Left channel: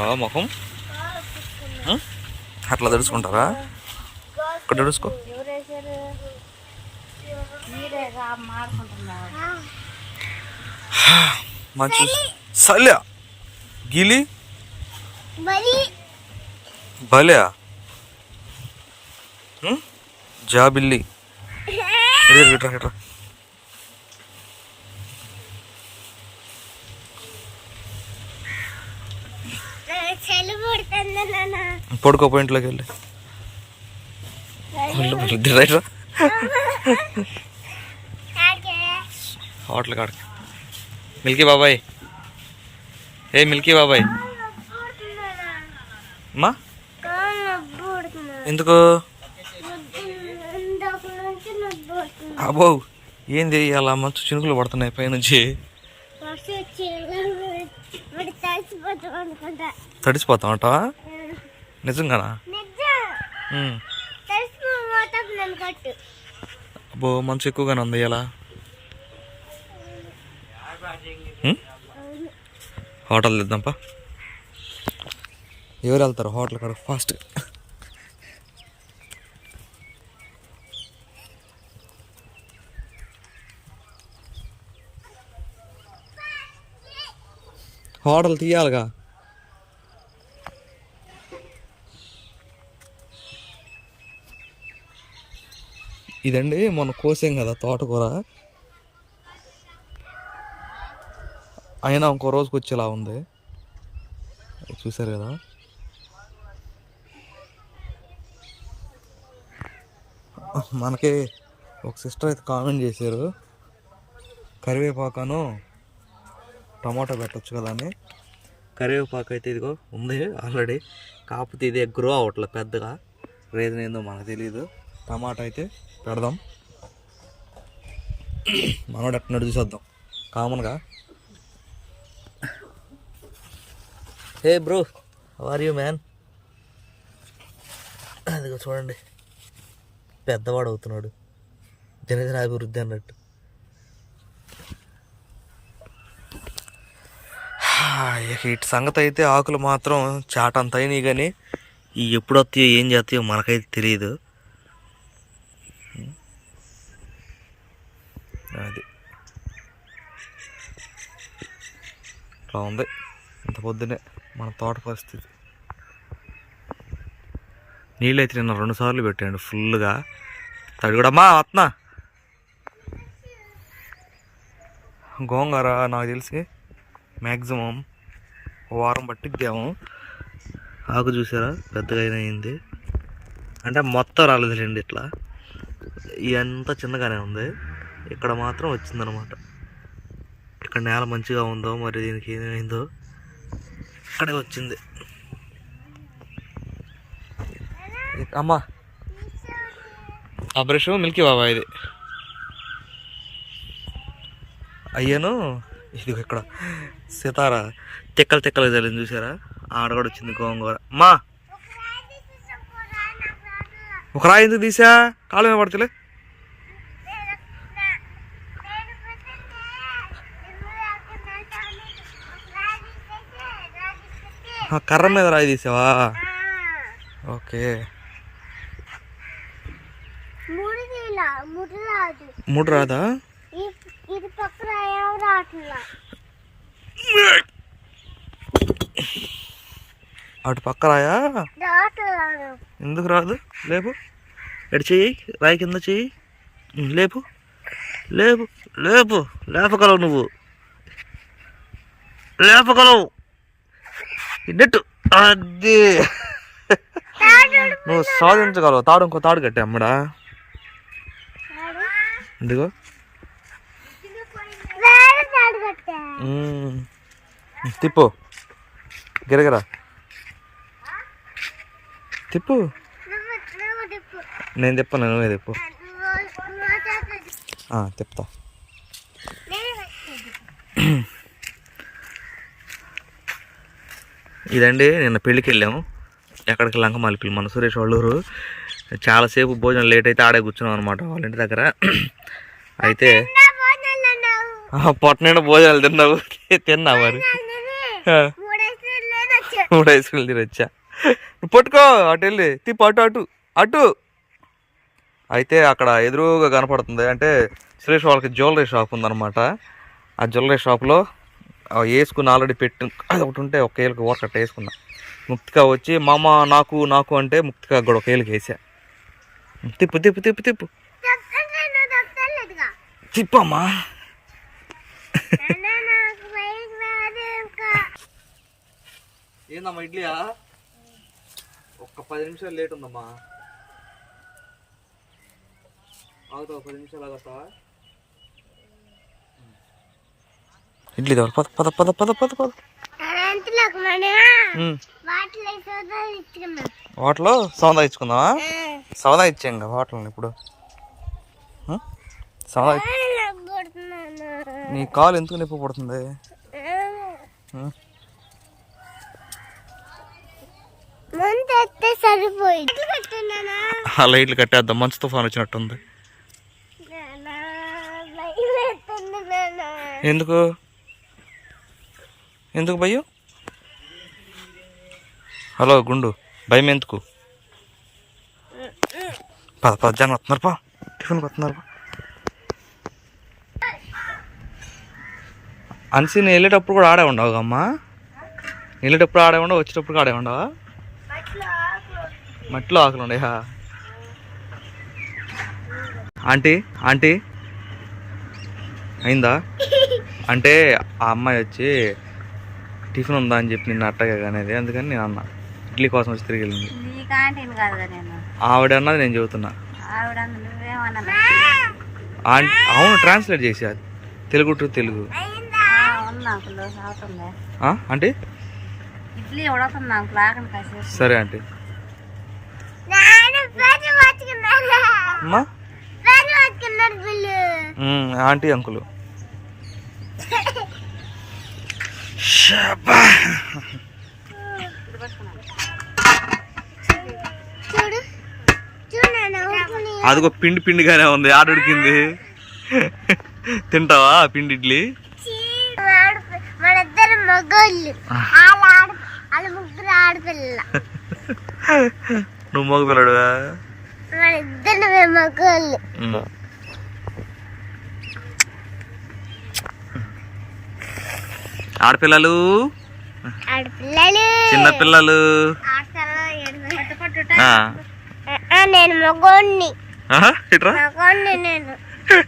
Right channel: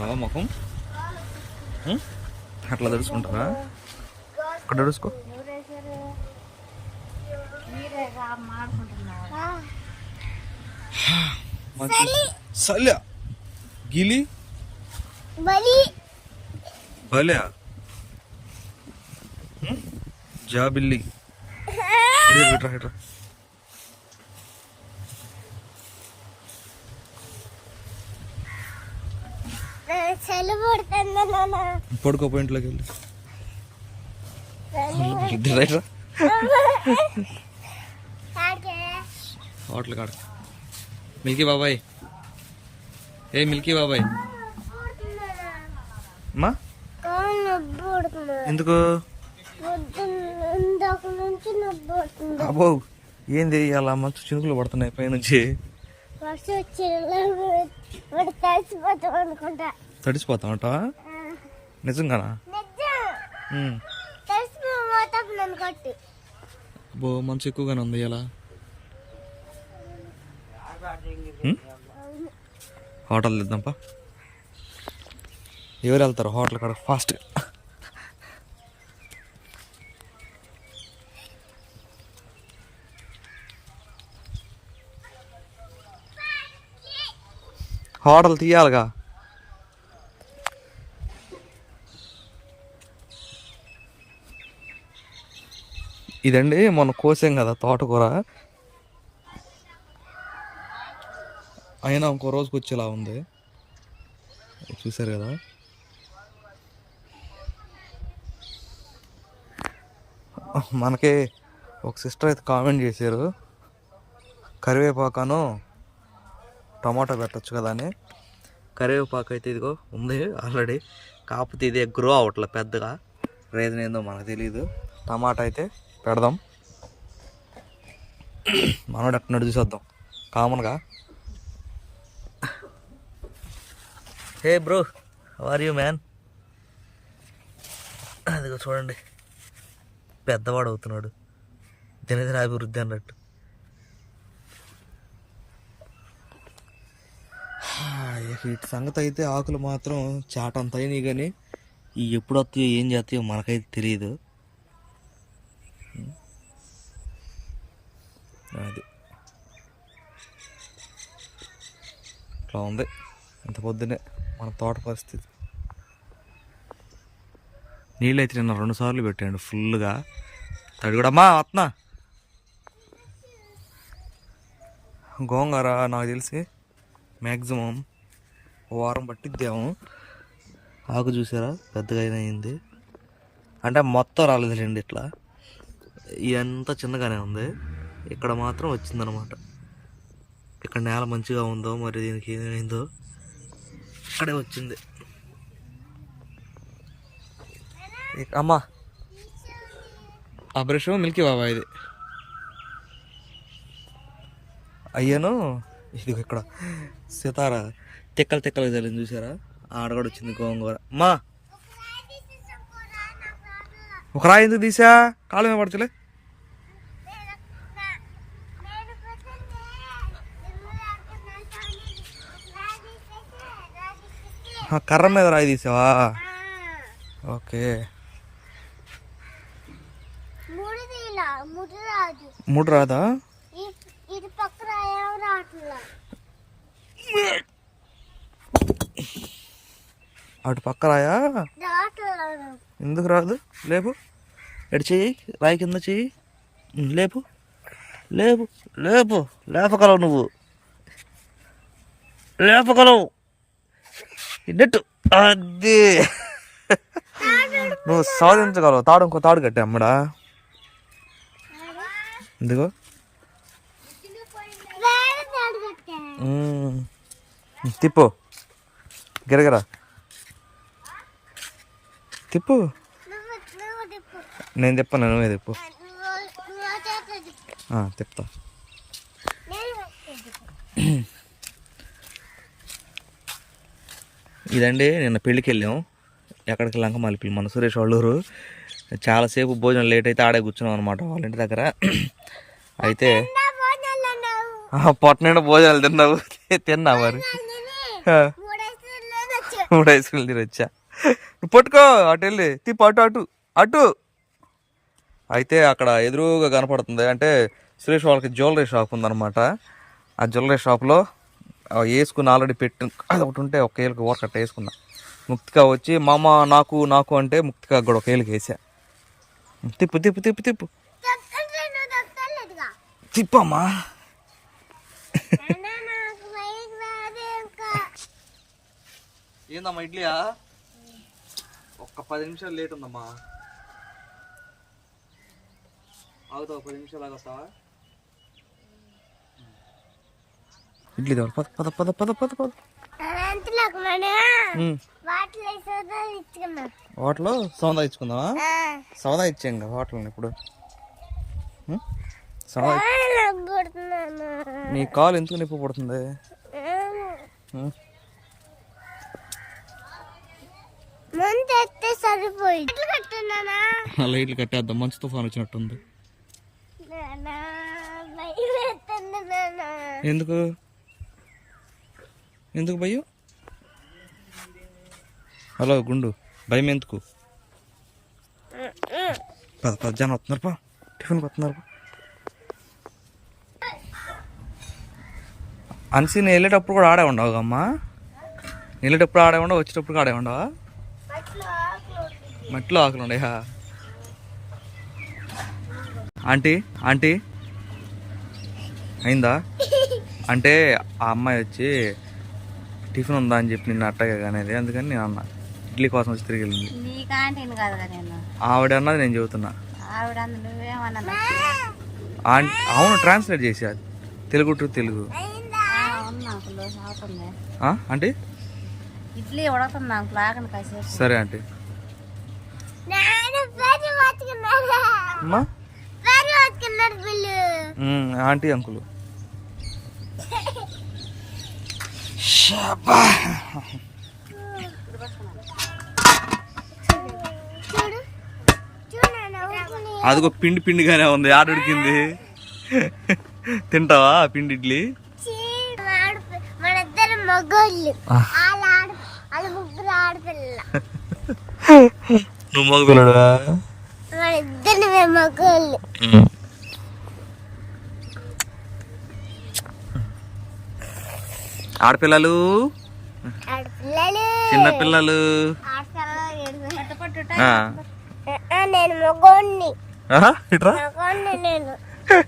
కడుక్కున్నావా ముఖం? అట్లా తెడుచుకుంటారా ఇక్కడ తెడుచుకో మంచి సల్యా. గిలి. భలే జాబిల్లి. ఇటు ఇట్రా ఇట్రా చలి పుడుతుంది నాన్న పడుకోపో ఇంట్లోకి వెళ్ళి. హోటల్ కాడికి. మిల్కీ బాబాయ్. ఏ మిల్కీ బాబాయ్. అమ్మా. ఎందుకు? అబ్బో ఏంది? అలా మంచు చినుకులు పడుతున్నాయి పైనుంచి. తడిసిపోతాం అనుకుంటా. నిజంగానా. తడిసిపోతాం నన్ను కట్టు. అబ్బో మంచు ఎక్కువగానే ఉంది ఇలా. హోటల్ తెద్దాంపా ఎవరు వెళ్తారు హోటల్ కాడ ఫాస్ట్గా హోటల్ తీయాలిగా. ఇదండి మొన్న కోసాం కదా తోటకూర. అయినా ఇంకో రోజుకి వచ్చేలా ఉంది. చూసారు కదా. మనకి ఒక సిస్టర్ అయితే కామెంట్ చేశారు. కరివేపాకను టమాటా పెట్టచ్చు కదా అని. కరివేపాకు అయితే ఇదిగో ఉంది ఆల్రెడీ. కాకపోతే ఇది గ్రో అవ్వట్లే పెద్దగా. రీజన్ ఏందో మనకు తెలియదు టమాటా అయితే పెడదాం. మనోడు అట్టినట్టు చూసేద్దాం. కామన్గా. Hey bro are you man అదిగో చూడండి. పెద్దవాడు అవుతున్నాడు. దినదిన అభివృద్ధి అన్నట్టు ఇక ఇటు సంగతి అయితే ఆకులు మాత్రం చాటంత అయినాయి కానీ ఈ ఎప్పుడు వస్తాయో ఏం చేస్తాయో మనకైతే తెలియదు అది. ఇట్లా ఉంది. ఇంత పొద్దునే మన తోట పరిస్థితి. నీళ్ళు అయితే నిన్న రెండు సార్లు పెట్టాడు ఫుల్గా తడి కూడా అమ్మా అత్నా గోంగారా నాకు తెలిసి. మ్యాక్సిమం వారం పట్టిద్దాము. ఆకు చూసారా? పెద్దగా అయినా అయింది అంటే మొత్తం రాలేదులేండి ఇట్లా. ఇదంతా చిన్నగానే ఉంది. ఇక్కడ మాత్రం వచ్చిందనమాట ఇక్కడ నేల మంచిగా ఉందో మరి దీనికి ఏమైందో ఇక్కడే వచ్చింది. అమ్మా. ఆ బ్రష్ మిల్కీ బాబా ఇది. అయ్యాను ఇది ఇక్కడ. సితార తిక్కలు తిక్కలు చల్లింది చూసారా? ఆడ కూడా వచ్చింది గోంగూర. అమ్మా! ఒక రాయి ఎందుకు తీసా? కాలు పడతలే. కర్ర మీద రాయి తీసావా? ఓకే. మూడు రాదు మూడు రాదా ఈ- ఇది పక్కన ఏం రావట్లా అటు పక్క రాయా? ఎందుకు రాదు? లేపు. ఎటు చెయ్యి? రాయి కింద చెయ్యి. లేపు. లేపు. లేపు. లేపగలవు నువ్వు. లేపగలవు. నెట్టు అది నువ్వు సాధించగలవు. తాడు ఇంకో తాడు కట్టే అమ్మడా. ఎందుకో వేరే తాడు కట్టా ఉమ్. తిప్పు. గిరగరా. తిప్పు. నేను తిప్పను నువ్వే తిప్పు. తిప్పుతా. తిప్పు. ఇదండి నిన్న పెళ్ళికి వెళ్ళాము ఎక్కడికి లంకమాలిపిల్లి మన సురేష్ వాళ్ళూరు చాలాసేపు భోజనం లేట్ అయితే ఆడే కూర్చున్నాం అనమాట వాళ్ళ ఇంటి దగ్గర. అయితే పొట్ట భోజనాలు తిన్నావు. తిన్నావు మరి? మూడు ఐస్ క్రీమ్ తిని వచ్చా నువ్వు పట్టుకో అటు వెళ్ళి. తిప్పు అటు అటు. అటు. అయితే అక్కడ ఎదురుగా కనపడుతుంది. అంటే సురేష్ వాళ్ళకి జ్యువెలరీ షాప్ ఉందన్నమాట. ఆ జ్యువెలరీ షాప్లో వేసుకుని ఆల్రెడీ పెట్టి అది ఒకటి ఉంటే ఒక ఏళ్ళకి ఊరకట్ట వేసుకున్నా. ముక్తిగా వచ్చి మామ నాకు నాకు అంటే ముక్తిగా కూడా ఒక ఏళ్ళకి వేసా. తిప్పు తిప్పు తిప్పు తిప్పు. తిప్పమ్మా నాన్న నాకు బైక్ రాదు ఇంకా ఏందమ్మా ఇడ్లీయా ఒక్క పది నిమిషాలు లేట్ ఉందమ్మా. ఆగుతావా పది నిమిషాలు ఆగుతావా? ఇడ్లీ దేవాలి పద పద పద పద పద పద. వాటిలో సోదా ఇచ్చుకున్నా. వాటిలో సౌదా ఇచ్చుకుందామా? సౌదా ఇచ్చాం కదా వాటిలో ఇప్పుడు? సౌదా నీ కాలు ఎందుకు నొప్పి పడుతుంది ఉమ్. ముందు ఎత్తే సరిపోయి ఎట్లా కట్టున్నానా ఆ లైట్లు కట్టేద్దాం. మంచు తుఫాన్ వచ్చినట్టుంది. ఎందుకు? ఎందుకు భయం హలో గుండు. భయం ఎందుకు? పద పద జనం వస్తున్నారు పా టిఫిన్కి వస్తున్నారు పా అన్సి నేను వెళ్ళేటప్పుడు కూడా ఆడే ఉండవు అమ్మా? వెళ్ళేటప్పుడు ఆడే ఉండవు వచ్చేటప్పుడు ఆడే ఉండవా? మట్టిలో ఆకలి ఉండే ఆంటీ ఆంటీ. అయిందా? అంటే ఆ అమ్మాయి వచ్చి టిఫిన్ ఉందా అని చెప్పి నిన్న అట్టగా అనేది అందుకని నేను అన్న. ఇడ్లీ కోసం వచ్చి తిరిగి వెళ్ళింది. ఆవిడ అన్నది నేను చెబుతున్నా. అవును ట్రాన్స్లేట్ చేసి అది తెలుగు టు తెలుగు. ఉన్నా అంకుల్ అవుతుంది. అమ్మా. Aunty uncle. అదిగో పిండి పిండిగానే ఉంది ఆడుడికింది తింటావా పిండి ఇడ్లీ? మగోళ్ళు. ముగ్గురు ఆడపిల్ల. నువ్వు మగ పిల్లడువా మన ఇద్దరు మగోళ్ళు ఆడపిల్లలు? ఆడపిల్లలు. చిన్న పిల్లలు ఆడతారా ఏడు ఆ. నేను మగోడిని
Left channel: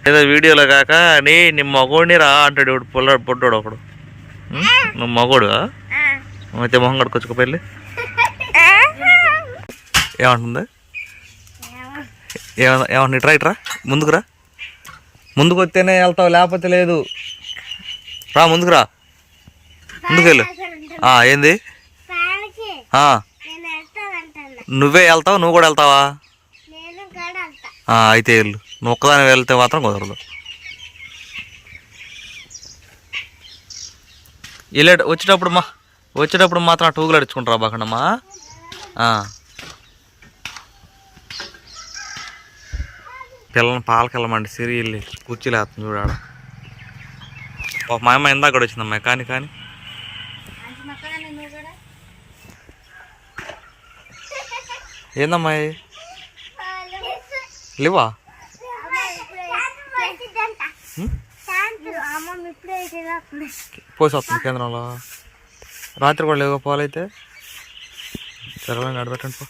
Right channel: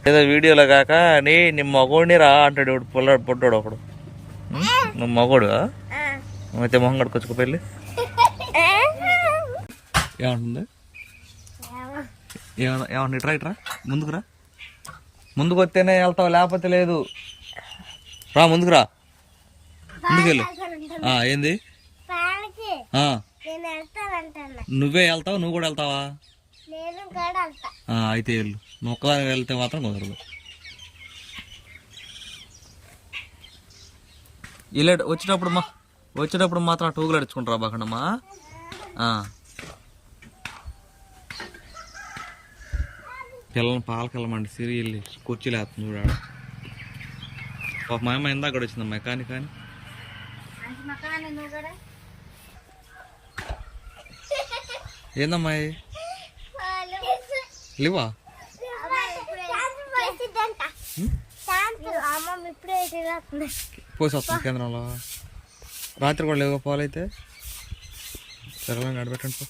ఏదో వీడియోలో కాక నీ నీ మగోడిని రా అంటాడు పొల్ల పొట్టోడు ఒకడు? నువ్వు మగోడు. అయితే మొహం కడుకొచ్చుకో పెళ్ళి. ఏమంటుంది? ఏమన్నా ఏమన్నా ఇట్రా ఇట్రా ముందుకు రా. ముందుకు వస్తేనే వెళ్తావు లేకపోతే లేదు. రా ముందుకు రా. ముందుకు వెళ్ళు. ఆ, ఏంది? నువ్వే వెళ్తావు? నువ్వు కూడా వెళ్తావా? అయితే వెళ్ళు. నువ్వు ఒక్కదాని వెళ్తే మాత్రం కుదరదు. వెళ్ళే వచ్చేటప్పుడు మా వచ్చేటప్పుడు మాత్రం ఆ టూగులు అడుచుకుంటారా బాకండమ్మా పిల్లల్ని పాలకెళ్ళమండి సిరి వెళ్ళి కుర్చీలు వేస్తుంది చూడాడ మా అమ్మ ఇందాక కూడా వచ్చిందమ్మా కానీ కానీ. ఏందమ్మా? లేవా పోసి వస్తుంది కేంద్రంలో. రాత్రి కూడా లేవు పాలైతే సరే నడబెట్టండి పో.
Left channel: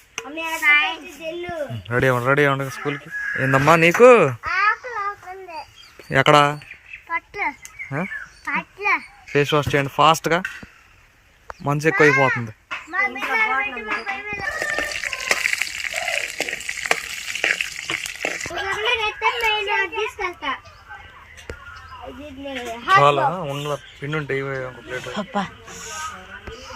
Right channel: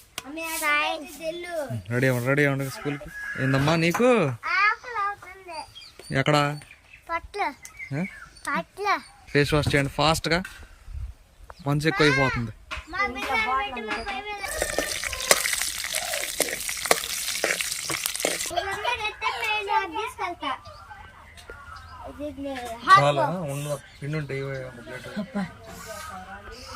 రెడీ అవ్వండి రెడీ అవ్వండి స్కూల్కి ఏందమ్మా నీకు? ఎక్కడ? పట్ల. ఆ? పట్ల. ఫేస్ వాష్ చేయండి ఫాస్ట్గా మంచి ఎక్కువ అయిపోతుంది చాలా ఉన్న పిండి ఉంటే ఇవి ఒక ప్లేట్ అబ్బా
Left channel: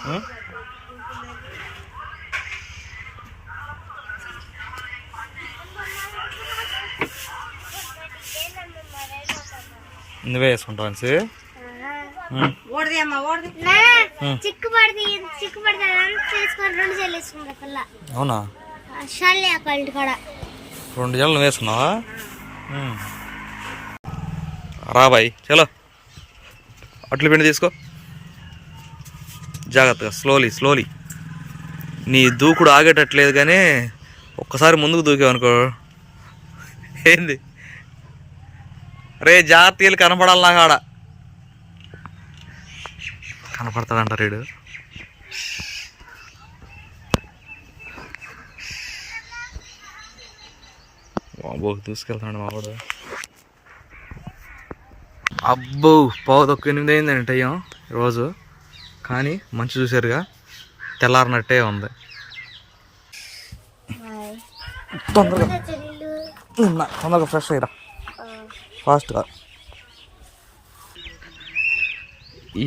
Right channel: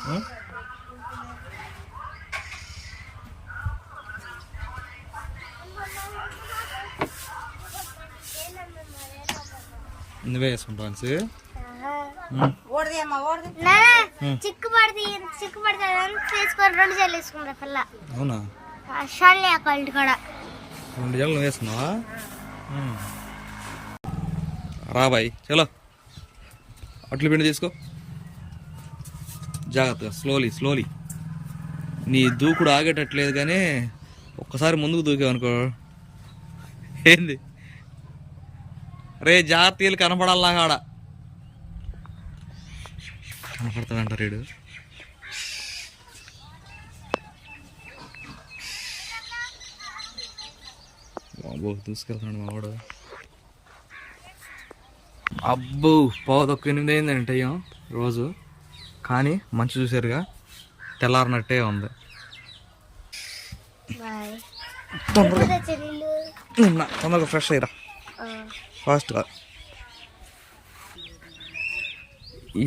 ఉం? నువ్వే వేసుకుంటావు అనిసి ఓడిది అమ్మా ఓడిది నాన్న, చిక్కు పడితే చిక్కు పడితే అదంతా తీసుకొని రెండు సార్లు వేసుకుంటా పిల్ల. అవునా? రెండు జల్లు నువ్వు వేసుకున్నావా? ఉం. రా బాయ్ చలో. అట్లు పిండి తీసుకో. జాగ్రత్తగా స్లోలీ స్లోలీ నీ దూకుడు ఆగేటట్లేదు కానీ ఒక్కసారి ముందుకు దూకావనుకో. ఏంది? రే జాగ్రత్తలు కనపడాలి నాకు ఆడ. కనపడతాడంట రీడు. బాబో దూసుకెళ్తాడు మావాడు. అబ్బో పావు తక్కువ ఎనిమిది అయిందండి టైం రోజు కానీ మంచి చూసారుగా తెల్లారినట్టే ఉంది. తొందరగా. నిన్న తొందరగా ఫ్రెష్ అయ్యిరా. ఫాస్ట్గా.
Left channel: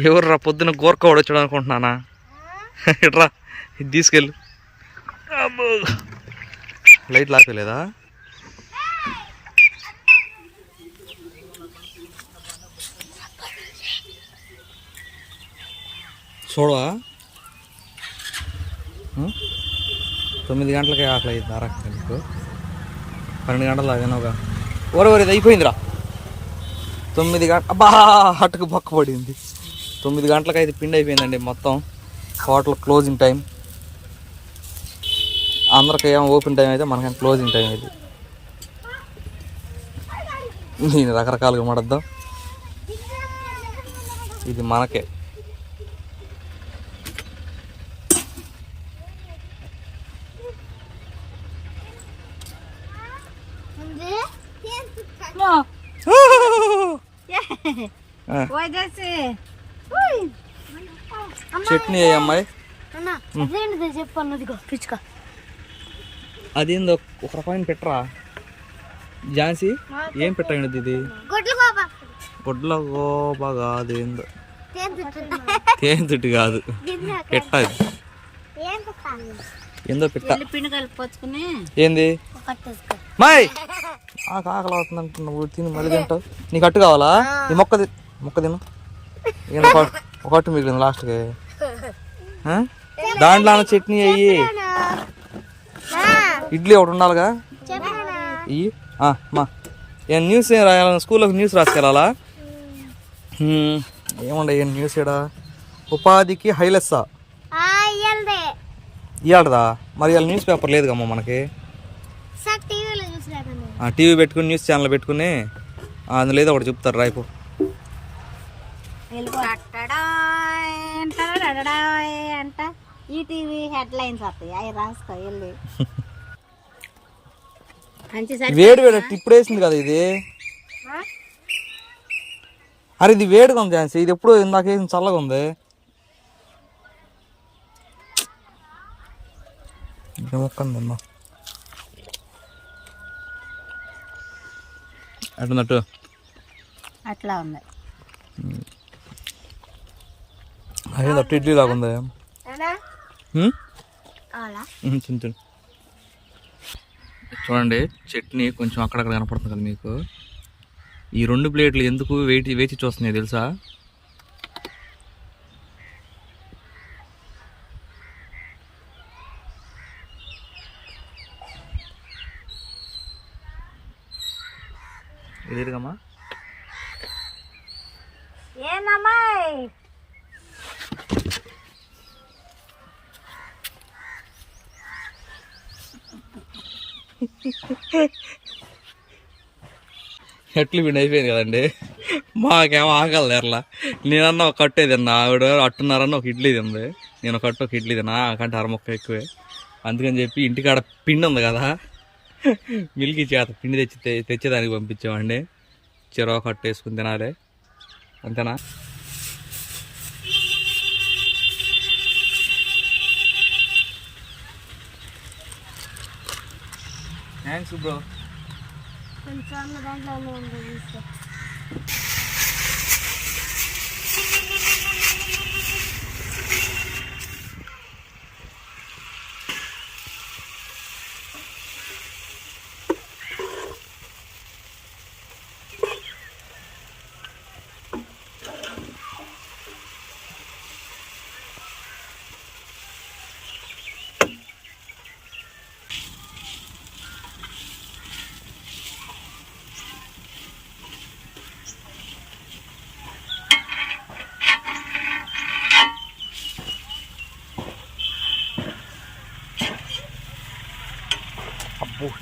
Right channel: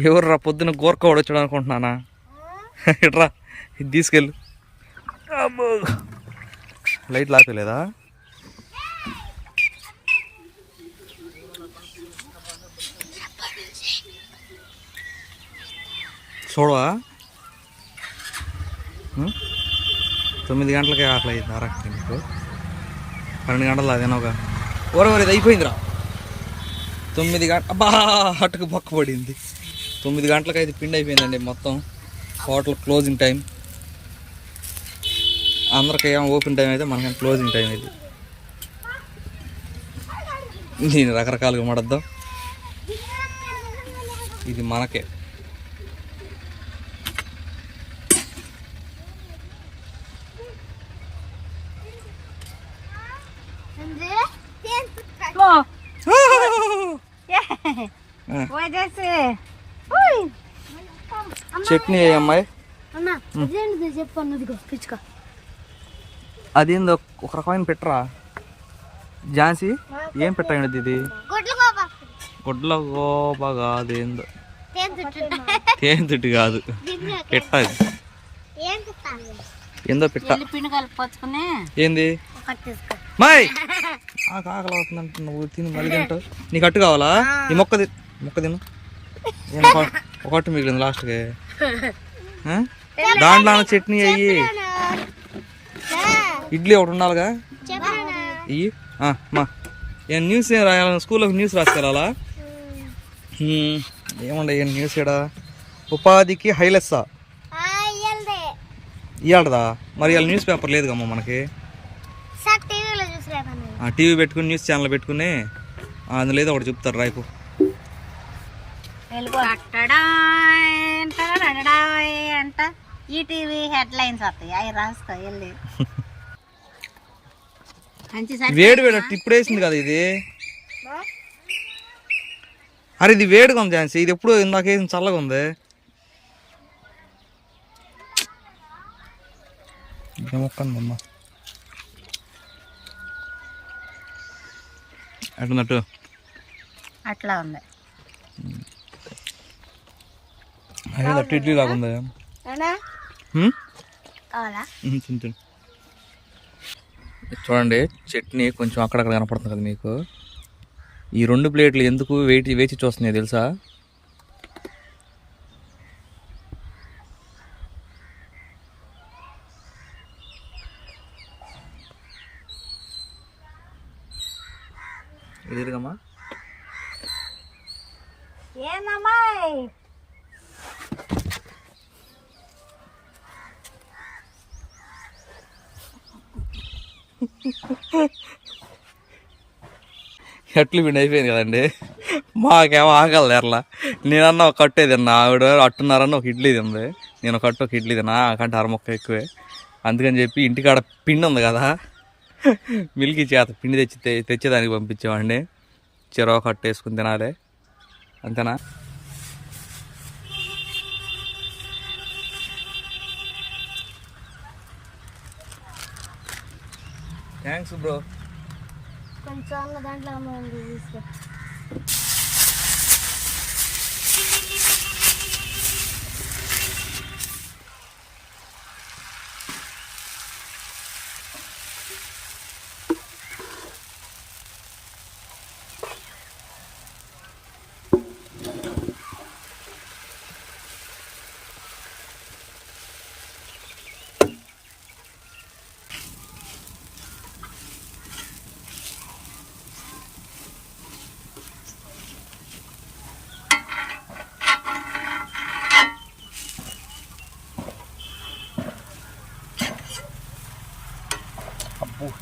ఎవర్రా పొద్దున వాడు వచ్చాడు అనుకుంటున్నానా? ఇట్రా ఇది తీసుకెళ్ళు. అబ్బో. లైట్ లాపలేదా చూడవా? తొమ్మిది గంటలకే ఆకలి అయింది అరక్క నీకు. పన్నెండు గంటలు అదేనోగా ఓరే ఓరే ఇది అయిపోయిందిరా. తొమ్మిది గంట అబ్బా అటుకు పక్క పడింది. తొమ్మిది గంటలకు అయితే పిండి అయిపోయిందండి మొత్తం. Hotel closing time. అందరికి ఏమో ఓపెన్ టైం అయితే మనకేం క్లోజింగ్ టైం ఇది. దీన్ని రకరకాలుగా మడద్దాం. ఇది మనకే. పోయేసి చట్నీ అమ్మాయి? అన్న అదేంటిది చెప్పు అన్నదిగో పిచ్చుక. అదేందో ఒక రకమైన పెట్టరా? ఝాన్సీ ఏం పెట్టండి ఇది? గుడ్లు గోప కాదు ఏందో. తేనె తిట్టు. కాదు. పెట్ట అది ఏందో పెట్ట. ఏంది? మాయ్! ఆ కాకలు అవుతుందంట నువ్వు తిని మళ్ళీ తింటావు. నీకు అట్టు కావాలా? ఈ మొక్క తి మొక్క తిను. ఒక- అట్టు మిగిలింది లాస్ట్కి? దాంట్లో చట్నీ అయ్యి. ఇడ్లీ ఒకటి ఉండాలిగా? ఇయ్యి. ఆ, మా. ఏం న్యూస్ ఏం రాయాలి స్కూల్లో న్యూస్ రాసుకెళ్ళాలా? ఏముండే ఏం న్యూస్ ఇక్కడ ఉపాధికి హైలెస్సా? ఇయ్యండి ఇవాళదా మరి ఇవాళ న్యూస్ పేపర్ లేదు కమ్మా మనకి? ఆ టీవీ పెట్టుకుని న్యూస్ ఛానల్ పెట్టుకుని అందులో ఏదో ఒకటి చెప్తారు రాయిపో వెళ్ళిపో. అంట ఈటీవీ హెడ్ లైన్స్ వస్తాయి. అవి రాసుకో వెళ్ళి. మంచి సరి వేడి వేడి ఇప్పుడు వేసింది కదా ఇది. అరే ఇది వేడిగా ఉంది ఝాన్సీ. ఇది ఎప్పుడు ఇందాక వేసింది చల్లగా ఉంది. మొక్కందమ్మా అటున్నట్టు అట్లా ఉంది. అదే అట్టు ఇడ్లీ లాగా ఉంది? అన్నా హ్మ్? కావాలా? ఉమ్, తిను తిను. చూడండి చట్నీ కొంచెం అక్కడక్కడ కనపడుతుంది కదా మీకు. ఈ రెండు ప్లేట్లు ఎందుకు వేచి వేచి చూస్తున్నాయి తెలుసా? ఎదురుగమ్మా ఏమమ్మాయి ఎట్లు పిండి అయిపోయింది కదండి. మాకేమో ఆకలి ఎర్లా నేనన్నా ఒక కట్టే తిన్నా ఆవిడ అట్టున్నారన్న ఒక ఇడ్లీ తింది. నేను ఒక కట్టు ఒక ఇడ్లీ తిన్నా కంటే అరమొక్క ఎక్కువే. అందుకని చెప్పి ఇంటికాడ పిండి ఉంది కదా. మిల్క్ చేత పిండి తెచ్చి తెచ్చేదానికి పంపించామండి చెరవ కట్టు వేసుకుని తినాలి. అంతేనా? Thanks bro. కొంచెం దాంట్లో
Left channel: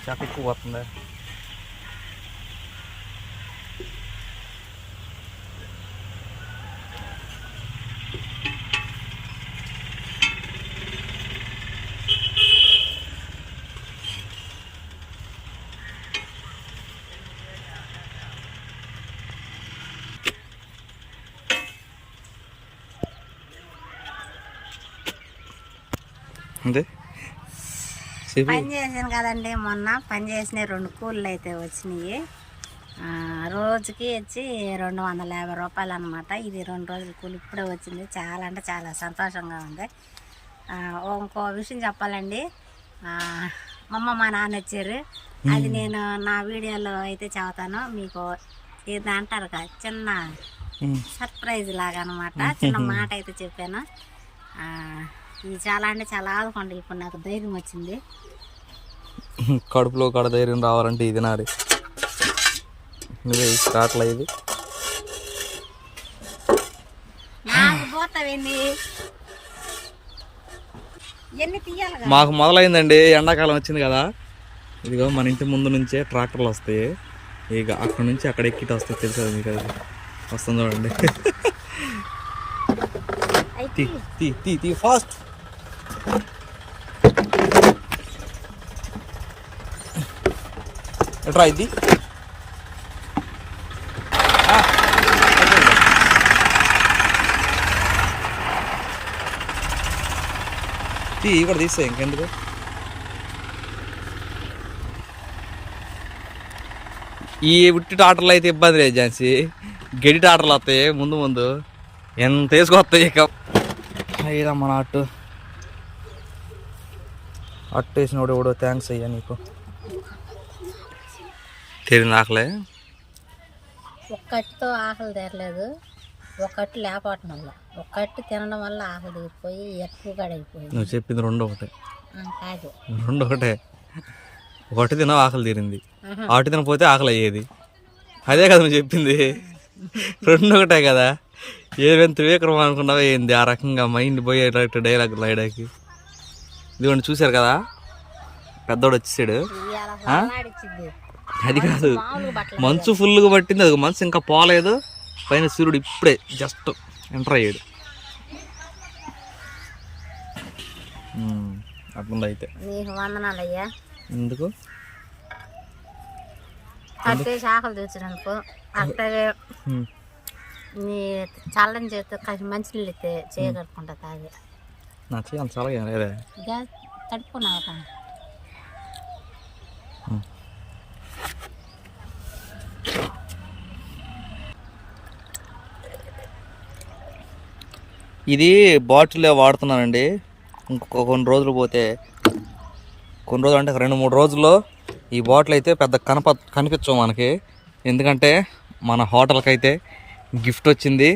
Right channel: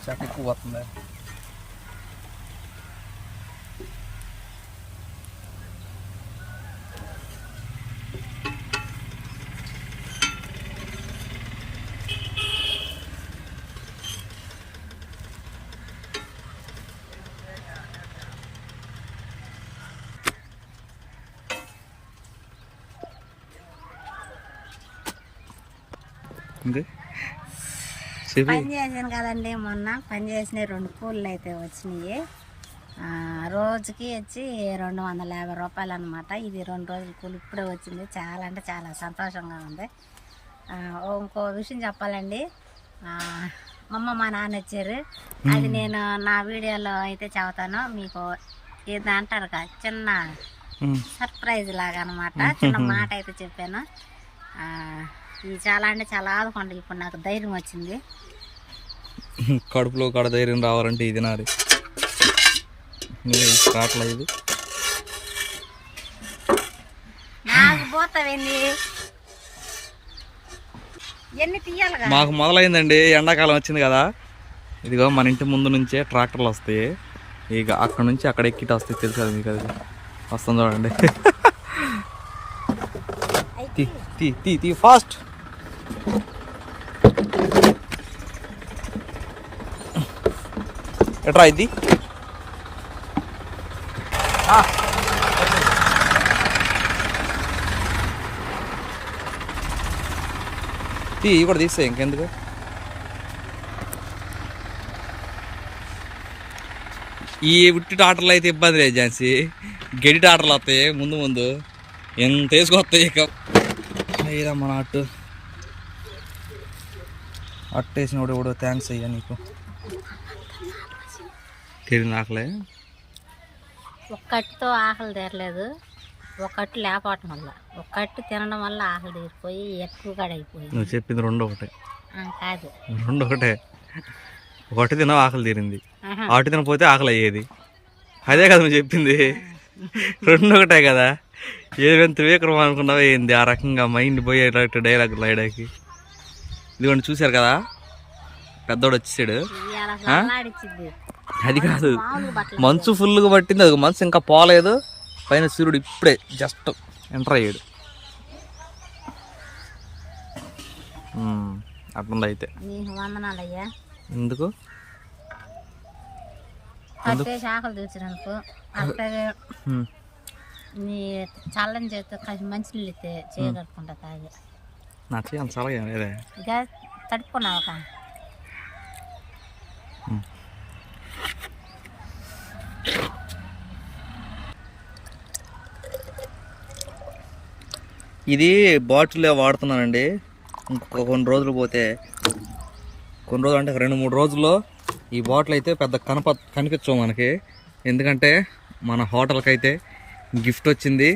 అన్నీ ఉంది తీసుకో అప్పు చెత్త ఎక్కువ పోతుంది అంతే చెప్పి పని చేసాను కదండి మొన్న. పని చేసిన రెండు కూలీలు అయితే వచ్చినాయి రోజుకి వచ్చి రెండు వందల యాభై రూపాయలు అనమాట ఇది రెండు రోజుల కూలి ఇప్పుడే వచ్చింది. చాలా అంటే చాలా సంతోషంగా ఉంది. ఇంకో విషయం చెప్పాలండి. అమ్మ మా నాన్న వచ్చారు. అది నేను నా వీడియోలో అయితే చెబుతాను. మీకు ఇది అంటారు కదా చిన్న. సర్ప్రైజ్ లాగా అనమాట చిన్న మాట అయితే చెప్పాను. ఇది చాలా అంటే చాలా ఆదుకోండి ఇప్పుడు నాకు ధైర్యం వచ్చింది. కడుపులో కడ ధైర్యం రావాలంటే ఇది నాది. నువ్వే ఇది. మాకు మొదలైందండి ఎండాకాలం వచ్చింది కదా. ఇదిగో మన ఇంటి ముందు నుంచే ట్రాక్టర్లు వస్తాయి. ఇక అక్కడ నుంచి అక్కడ ఎక్కిట వస్తాయి తెలుసు కదా మీకు అది. వస్తుంది చూడండి. తీ తీ తీ తీ ఫాస్ట్. ఎట్రా ఇది? తీ ఇవి కూడా తీసే ఇంకెందుకు? ఈ ఉట్టి టాటర్లు అయితే ఇబ్బంది లేదు ఝాన్సీ. గడి టాటర్లు వస్తాయి ముందు ముందు. ఎంత వేసుకొస్తాయి ఇక. అయ్యా నాటు అట్టు అట్టు వేసినోడు ఎవడో థ్యాంక్స్ అయ్యా నీకు. తెలియదు నాకలే. ఒక్కటితో ఆకలి తీరలేదు. ఒక్కటి లేపటం వల్ల. ఒక్కటి తినడం వల్ల ఆకలి తీరిపోయి ఎక్కువ గడైపోయింది నువ్వు చెప్పింది రెండు ఒకటే. కాదు. రెండు ఒకటే. ఒకటి తిన్నావు ఆకలి తీరింది. ఆటి తినపోతే ఆకలి అయ్యేది. అదే కదా నువ్వు చెప్పింది. రెండు ఒకటే కదా. ఏదైనా త్రివిక్రమ అనుకున్నావా ఏంది? ఆ రకంగా మైండ్ పోయేటట్టు డైలాగ్ రాయడానికి. ఇదిగోండి చూశారు కదా? పెద్దోడు వచ్చేసాడు. అది కాదు. మంచు ఫుల్గా పట్టింది అది మనసు ఇంకా పోలేదు. పైన సూర్యుడు ఇప్పుడే జస్ట్ ఎంటర్ అయ్యాడు. అట్లుంది అయితే ఎందుకు? ఆకలి తీర్చినందుకు అట్లాగే చల్లని చేస్తే కాసి మంచినీళ్ళు ఇస్తే చేయగలుగుకుంటా తాగి. నా చేయాలి చాలా లేదే ఇక తడుపుకున్నావు? ఒక ఇది బాటిల్లో వాడుతున్నానండి. ఇంకొక కొన్ని రోజులు పోతే కొన్ని రోజులు అంటే రెండు మూడు రోజుల్లో ఈ బాటిల్ అయితే పెద్ద కనప కనిపించవు మనకి. ఎందుకంటే మన హోటల్కి అయితే గిఫ్ట్ వచ్చింది.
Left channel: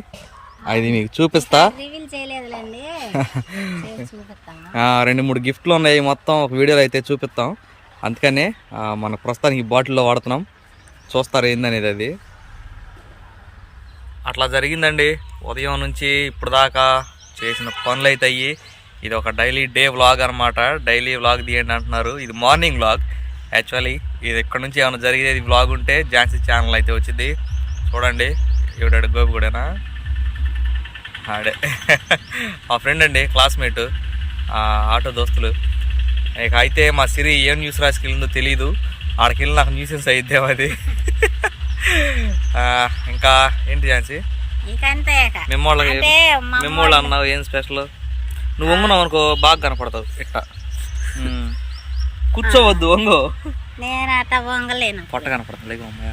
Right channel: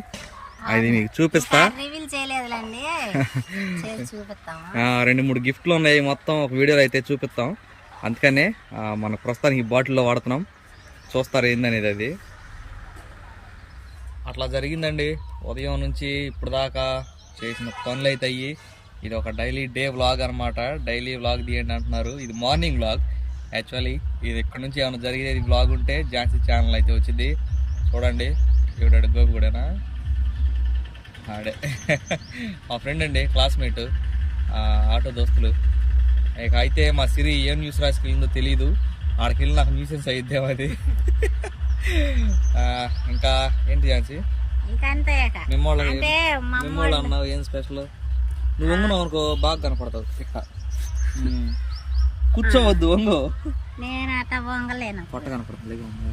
అది మీకు చూపిస్తా. రివీల్ చేయలేదులేండి. రెండు మూడు గిఫ్ట్లు ఉన్నాయి మొత్తం. ఒక వీడియోలో అయితే చూపిస్తాం. అందుకనే మన ప్రస్తుతానికి బాటిల్లో వాడుతున్నాం. చూస్తారు ఏందనేది అది? అట్లా జరిగిందండి. ఉదయం నుంచి ఇప్పుడు దాకా చేసిన పనులు అయితే అయ్యి ఇది ఒక డైలీ డే వ్లాగ్ అనమాట డైలీ వ్లాగ్ తీయండి అంటున్నారు. ఇది మార్నింగ్ వ్లాగ్. యాక్చువల్లీ ఇది ఇక్కడ నుంచి ఏమైనా జరిగేది వ్లాగ్ ఉంటే ఝాన్సీ ఛానల్ అయితే వచ్చింది. చూడండి ఎవడాడు గోపి కూడానా ఆడే. మా ఫ్రెండ్ అండి క్లాస్మేట్ ఆటో దోస్తులు. ఇక అయితే మా సిరి ఏం న్యూస్ రాసికి వెళ్ళిందో తెలియదు ఆడికి వెళ్ళి నాకు న్యూసెన్స్ అయిద్దాం అది ఇంకా ఏంటి ఝాన్సీ? మా మిమ్మోళ్ళు అన్నావు ఏం స్పెషల్? నువ్వు వంగున్నావు అనుకో బాగా కనపడతావు. ఇట్ట. కూర్చోవద్దు వంగు. నేను అట్ట వంగలేను. పొట్ట కనపడుతుంది లేక అమ్మాయ.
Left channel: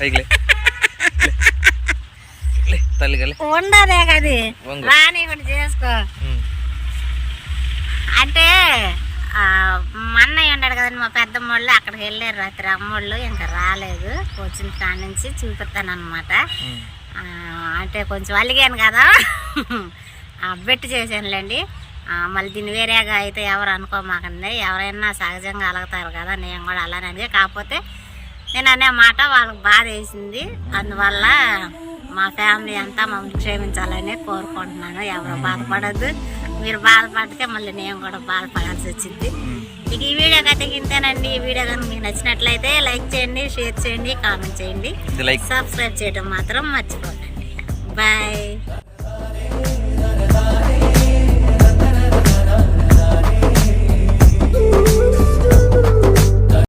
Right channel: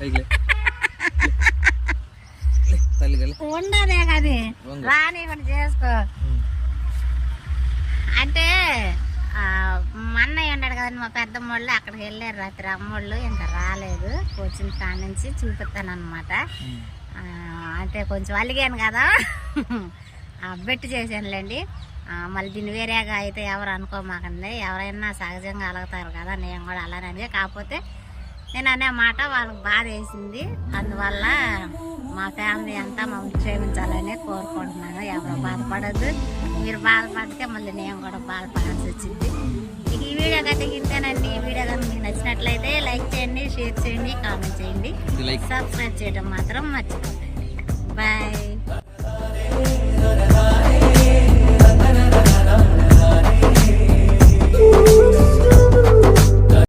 పైకి. లే తల్లిగా లే ఉండదే కది రాని కూడా చేసుకో. అంటే మా అన్నయ్య ఉన్నాడు కదండి మా పెద్దమ్మోళ్ళు అక్కడికి వెళ్ళారు రాత్రి. అమ్మోళ్ళు ఇంకా రాలేదు. వచ్చిన కాడ నుంచి చూపిస్తాను అనమాట. అంటే కొంచెం అలిగాను కదా. ఆ, బెట్టు చేశానులేండి. మళ్ళీ దీన్ని వేరేగా అయితే ఎవరు అనుకోమాకండి. ఎవరైనా సహజంగా అలుగుతారు కదా నేను కూడా అలానే కాకపోతే నేను అనే మాట వాళ్ళకి బాధ వేసింది. అందువల్ల మా ఫ్యామిలీ అంతా మమ్మల్ని క్షమించాలని కోరుకుంటున్నాను. ఎవరు బాధపడద్దు. మీరు బాధపడితే మళ్ళీ నేను కూడా బాధపడాల్సి వచ్చింది. ఇక ఈ వీడియో కనుక ఇంతేనండి. ఈ వీడియో కనుక మీకు నచ్చినట్లయితే లైక్ చేయండి షేర్ చేయండి కామెంట్ చేయండి. సబ్స్క్రైబ్ చేయడం మాత్రం మర్చిపోకండి. బాయ్.